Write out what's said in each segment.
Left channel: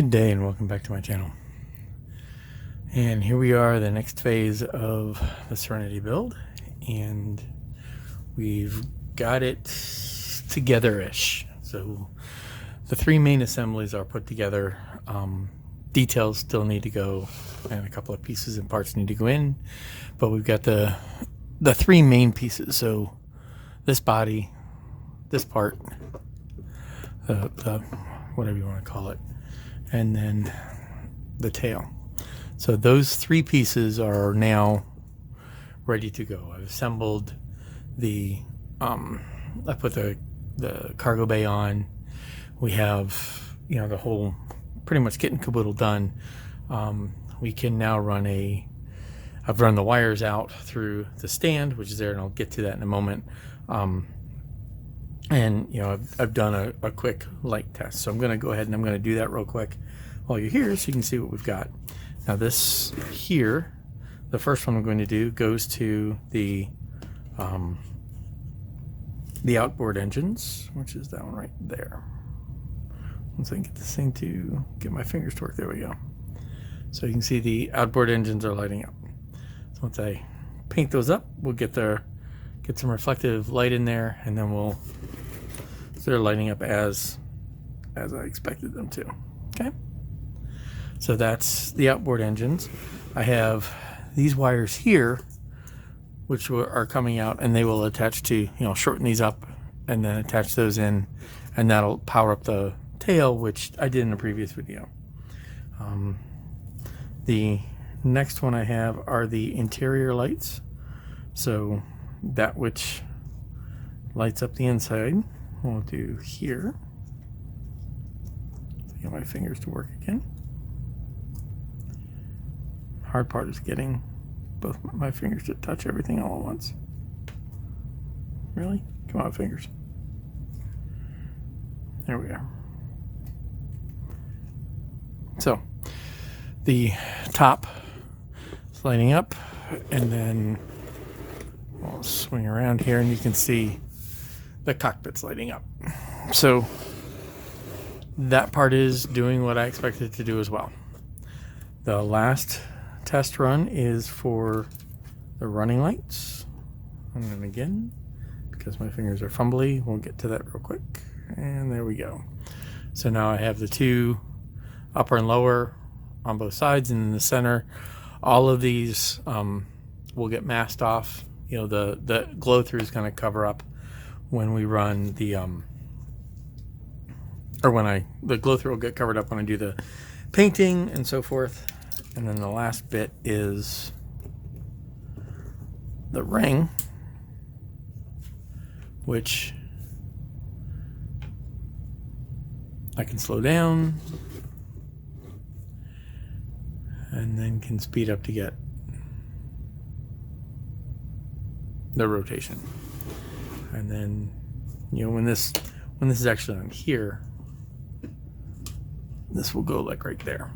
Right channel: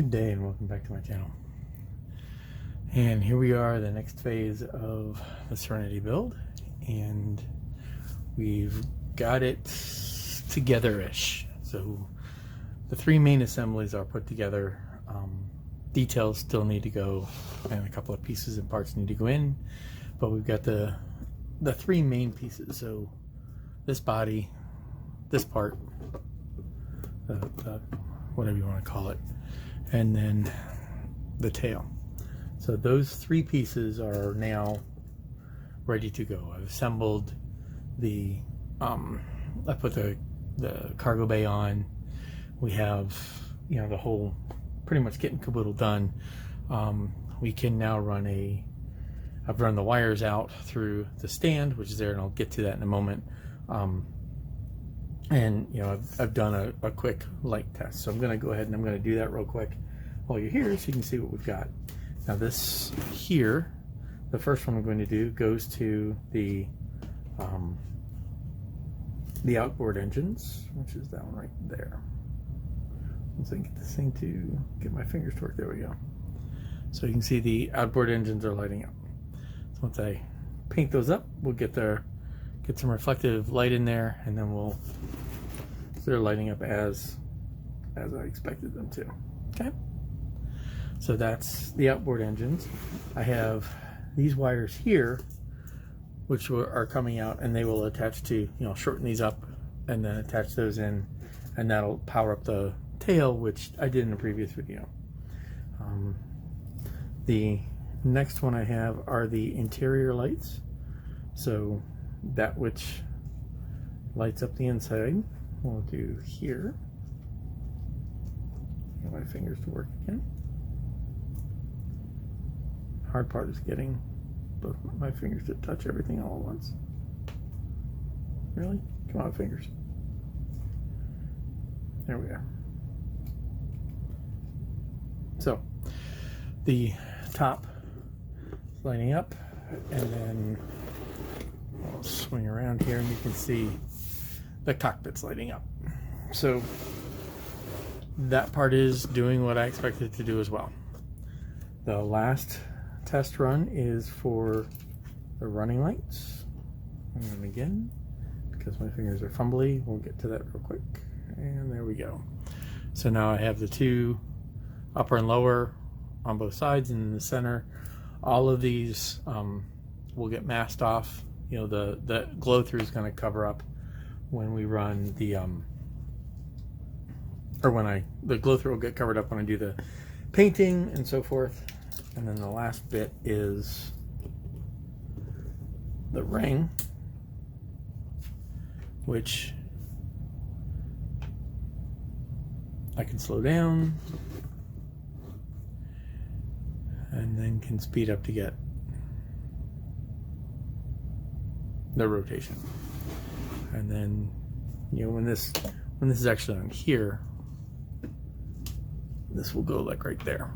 Good day and welcome back to my channel. And here we are, the next phase of the Serenity build, and we've got it together-ish. So the three main assemblies are put together. Details still need to go, and a couple of pieces and parts need to go in, but we've got the three main pieces. So this body, this part, the whatever you want to call it, and then the tail. So those three pieces are now ready to go. I've assembled I put the cargo bay on. We have, the whole pretty much kit and caboodle done. We can now I've run the wires out through the stand, which is there, and I'll get to that in a moment. And I've done a quick light test, so I'm going to go ahead and I'm going to do that real quick while you're here, so you can see what we've got. Now this here, the first one I'm going to do goes to the outboard engines, which is that one right there. Once I can get this thing to get my fingers to work, there we go. So you can see the outboard engines are lighting up. So once I paint those up, we'll get some reflective light in there, and then they're lighting up as I expected them to. Okay, so that's the outboard engines. I have these wires here, which are coming out, and they will attach to, shorten these up and then attach those in, and that'll power up the tail, which I did in a previous video. The next one I have are the interior lights. So that which lights up the inside, we'll do here. Get my fingers to work again. Hard part is getting both my fingers to touch everything all at once. Really? Come on, fingers. There we are. So the top is lighting up, and then I'll swing around here and you can see the cockpit's lighting up. So that part is doing what I expected it to do as well. The last test run is for the running lights. And then again, because my fingers are fumbly, we'll get to that real quick. And there we go. So now I have the two upper and lower on both sides, and in the center, all of these will get masked off. The glow through is going to cover up when we run the glow through will get covered up when I do the painting and so forth. And then the last bit is the ring, which I can slow down and then can speed up to get the rotation. And then when this is actually on here, this will go like right there.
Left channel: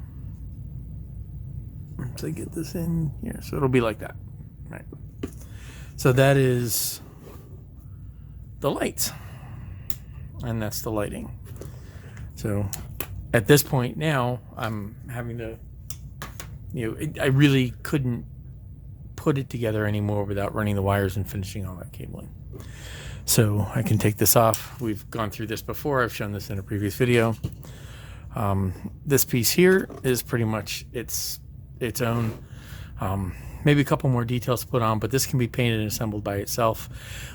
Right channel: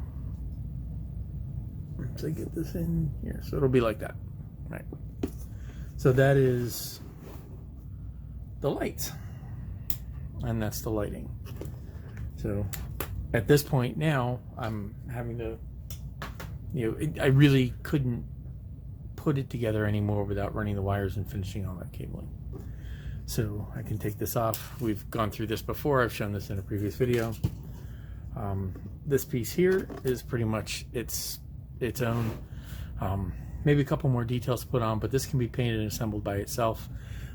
So I get this in here, so it'll be like that, right? So that is the lights, and that's the lighting. So at this point now, I'm having to, I really couldn't put it together anymore without running the wires and finishing all that cabling. So I can take this off. We've gone through this before. I've shown this in a previous video. This piece here is pretty much its own. Maybe a couple more details to put on, but this can be painted and assembled by itself.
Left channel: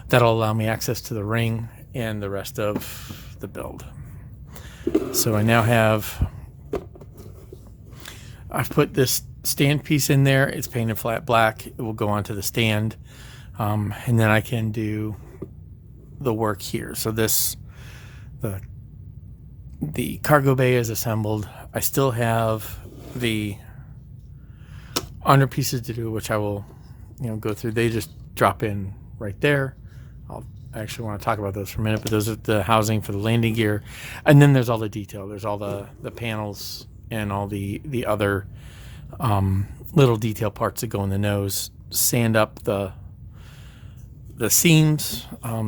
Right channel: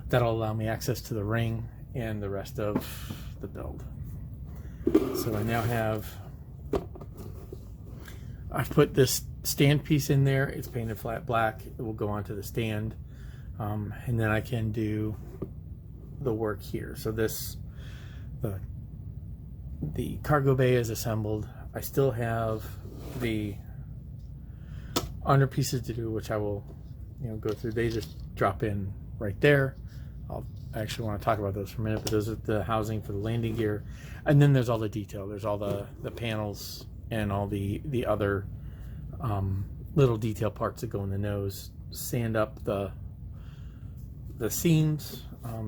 That'll allow me access to the ring and the rest of the build. So I now I've put this stand piece in there. It's painted flat black. It will go onto the stand, and then I can do the work here. So the cargo bay is assembled. I still have the under pieces to do, which I will go through. They just drop in right there. I actually want to talk about those for a minute, but those are the housing for the landing gear, and then there's all the detail. There's all the panels and all the other little detail parts that go in the nose. Sand up the seams.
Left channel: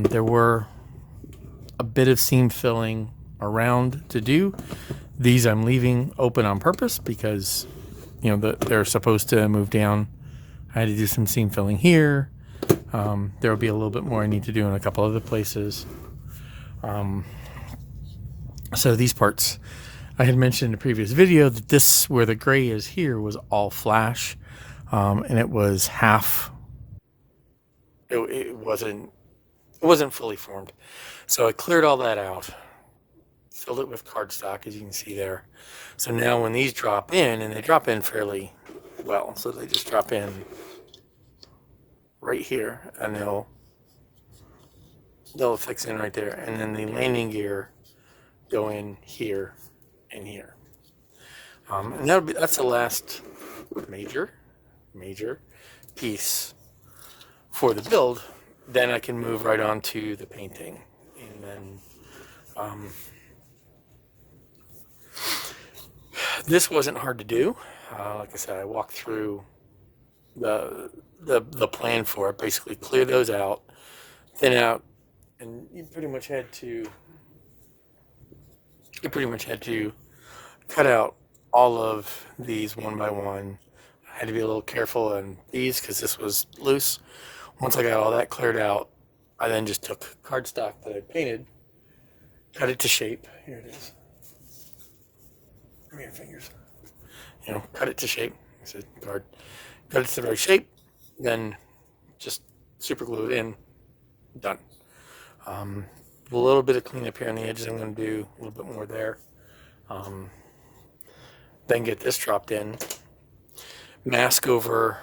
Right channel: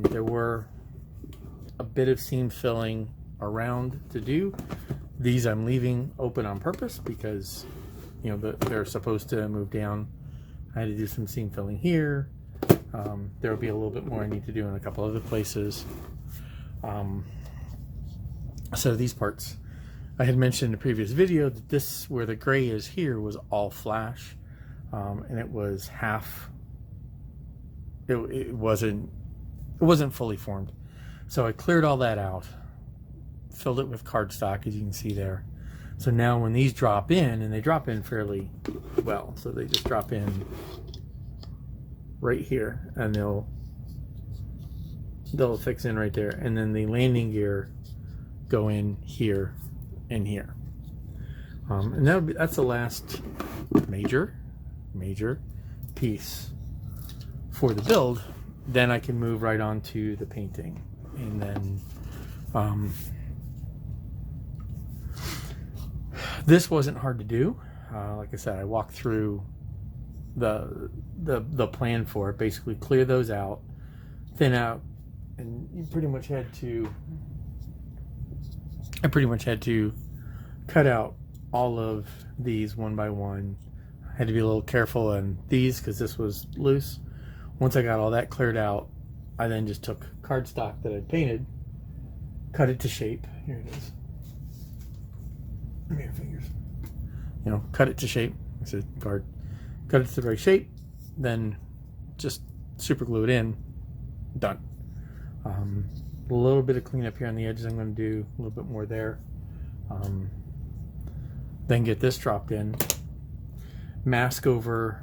There were a bit of seam filling around to do. These I'm leaving open on purpose because, you know, they're supposed to move down. I had to do some seam filling here. There will be a little bit more I need to do in a couple other places. So these parts, I had mentioned in a previous video that this, where the gray is here, was all flash, and it was half. It wasn't fully formed. So I cleared all that out, filled it with cardstock, as you can see there. So now when these drop in, and they drop in fairly well, so they just drop in right here, and they'll fix in right there, and then the landing gear go in here and here, and that's the last major piece for the build. Then I can move right on to the painting, and then this wasn't hard to do. Like I said, I walked through the plan for it. Basically clear those out, thin out, and I pretty much had to cut out all of these one by one. I had to be a little careful on these because this was loose. Once I got all that cleared out, I then just took cardstock that I painted, cut it to shape. Here it is. Give me your fingers. You know, cut it to shape. It's a card. Cut it to the right shape, then just super glue it in. Done. A little bit of cleanup here on the edges. I'm going to do a little bit more there. Then get this dropped in. Mask over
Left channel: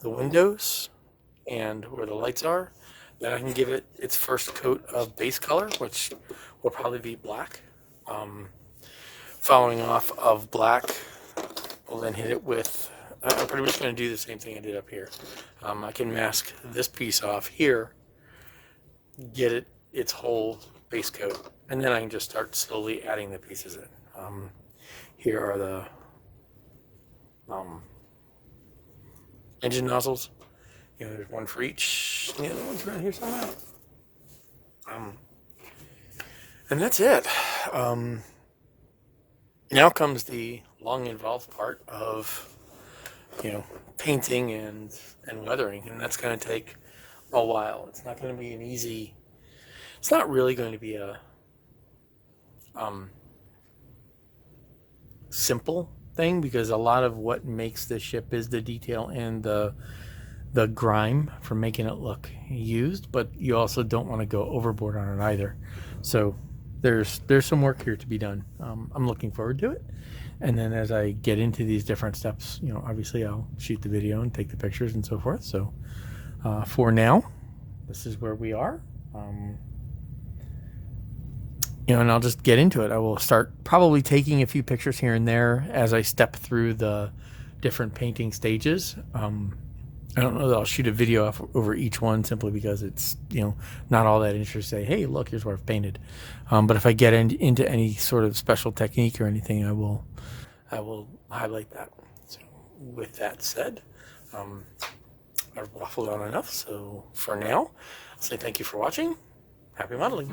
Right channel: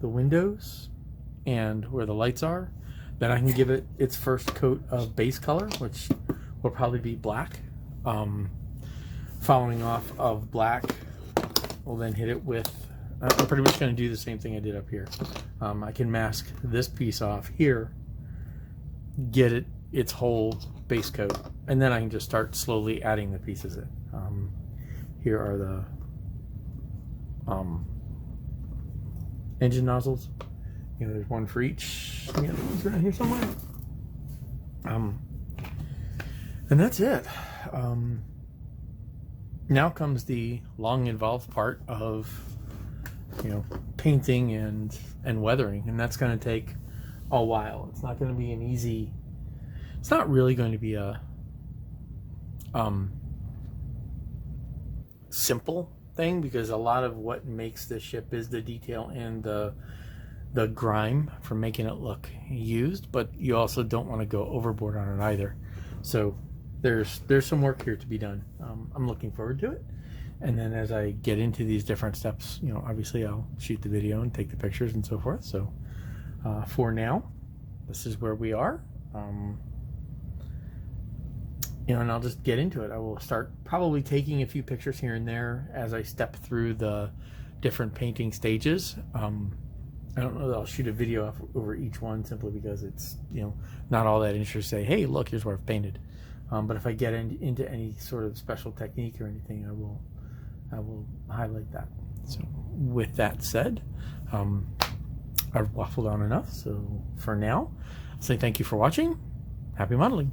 the windows and where the lights are. Then I can give it its first coat of base color, which will probably be black. Following off of black, we'll then hit it with, I'm pretty much going to do the same thing I did up here. I can mask this piece off here, get it its whole base coat, and then I can just start slowly adding the pieces in. Here are the engine nozzles. You know, there's one for each, and the other one's around here somewhere. And that's it. Now comes the long involved part of, you know, painting and weathering, and that's going to take a while. It's not going to be an easy, it's not really going to be a simple thing, because a lot of what makes this ship is the detail and the grime from making it look used, but you also don't want to go overboard on it either. So there's some work here to be done. I'm looking forward to it. And then as I get into these different steps, you know, obviously I'll shoot the video and take the pictures and so forth. So for now, this is where we are. You know, and I'll just get into it. I will start probably taking a few pictures here and there as I step through the different painting stages. I don't know that I'll shoot a video over each one, simply because it's, you know, not all that interesting to say, hey, look, here's what I've painted. But if I get into any sort of special technique or anything, I will highlight that. So with that said, I've waffled on enough. So for now, I'll say thank you for watching. Happy modeling.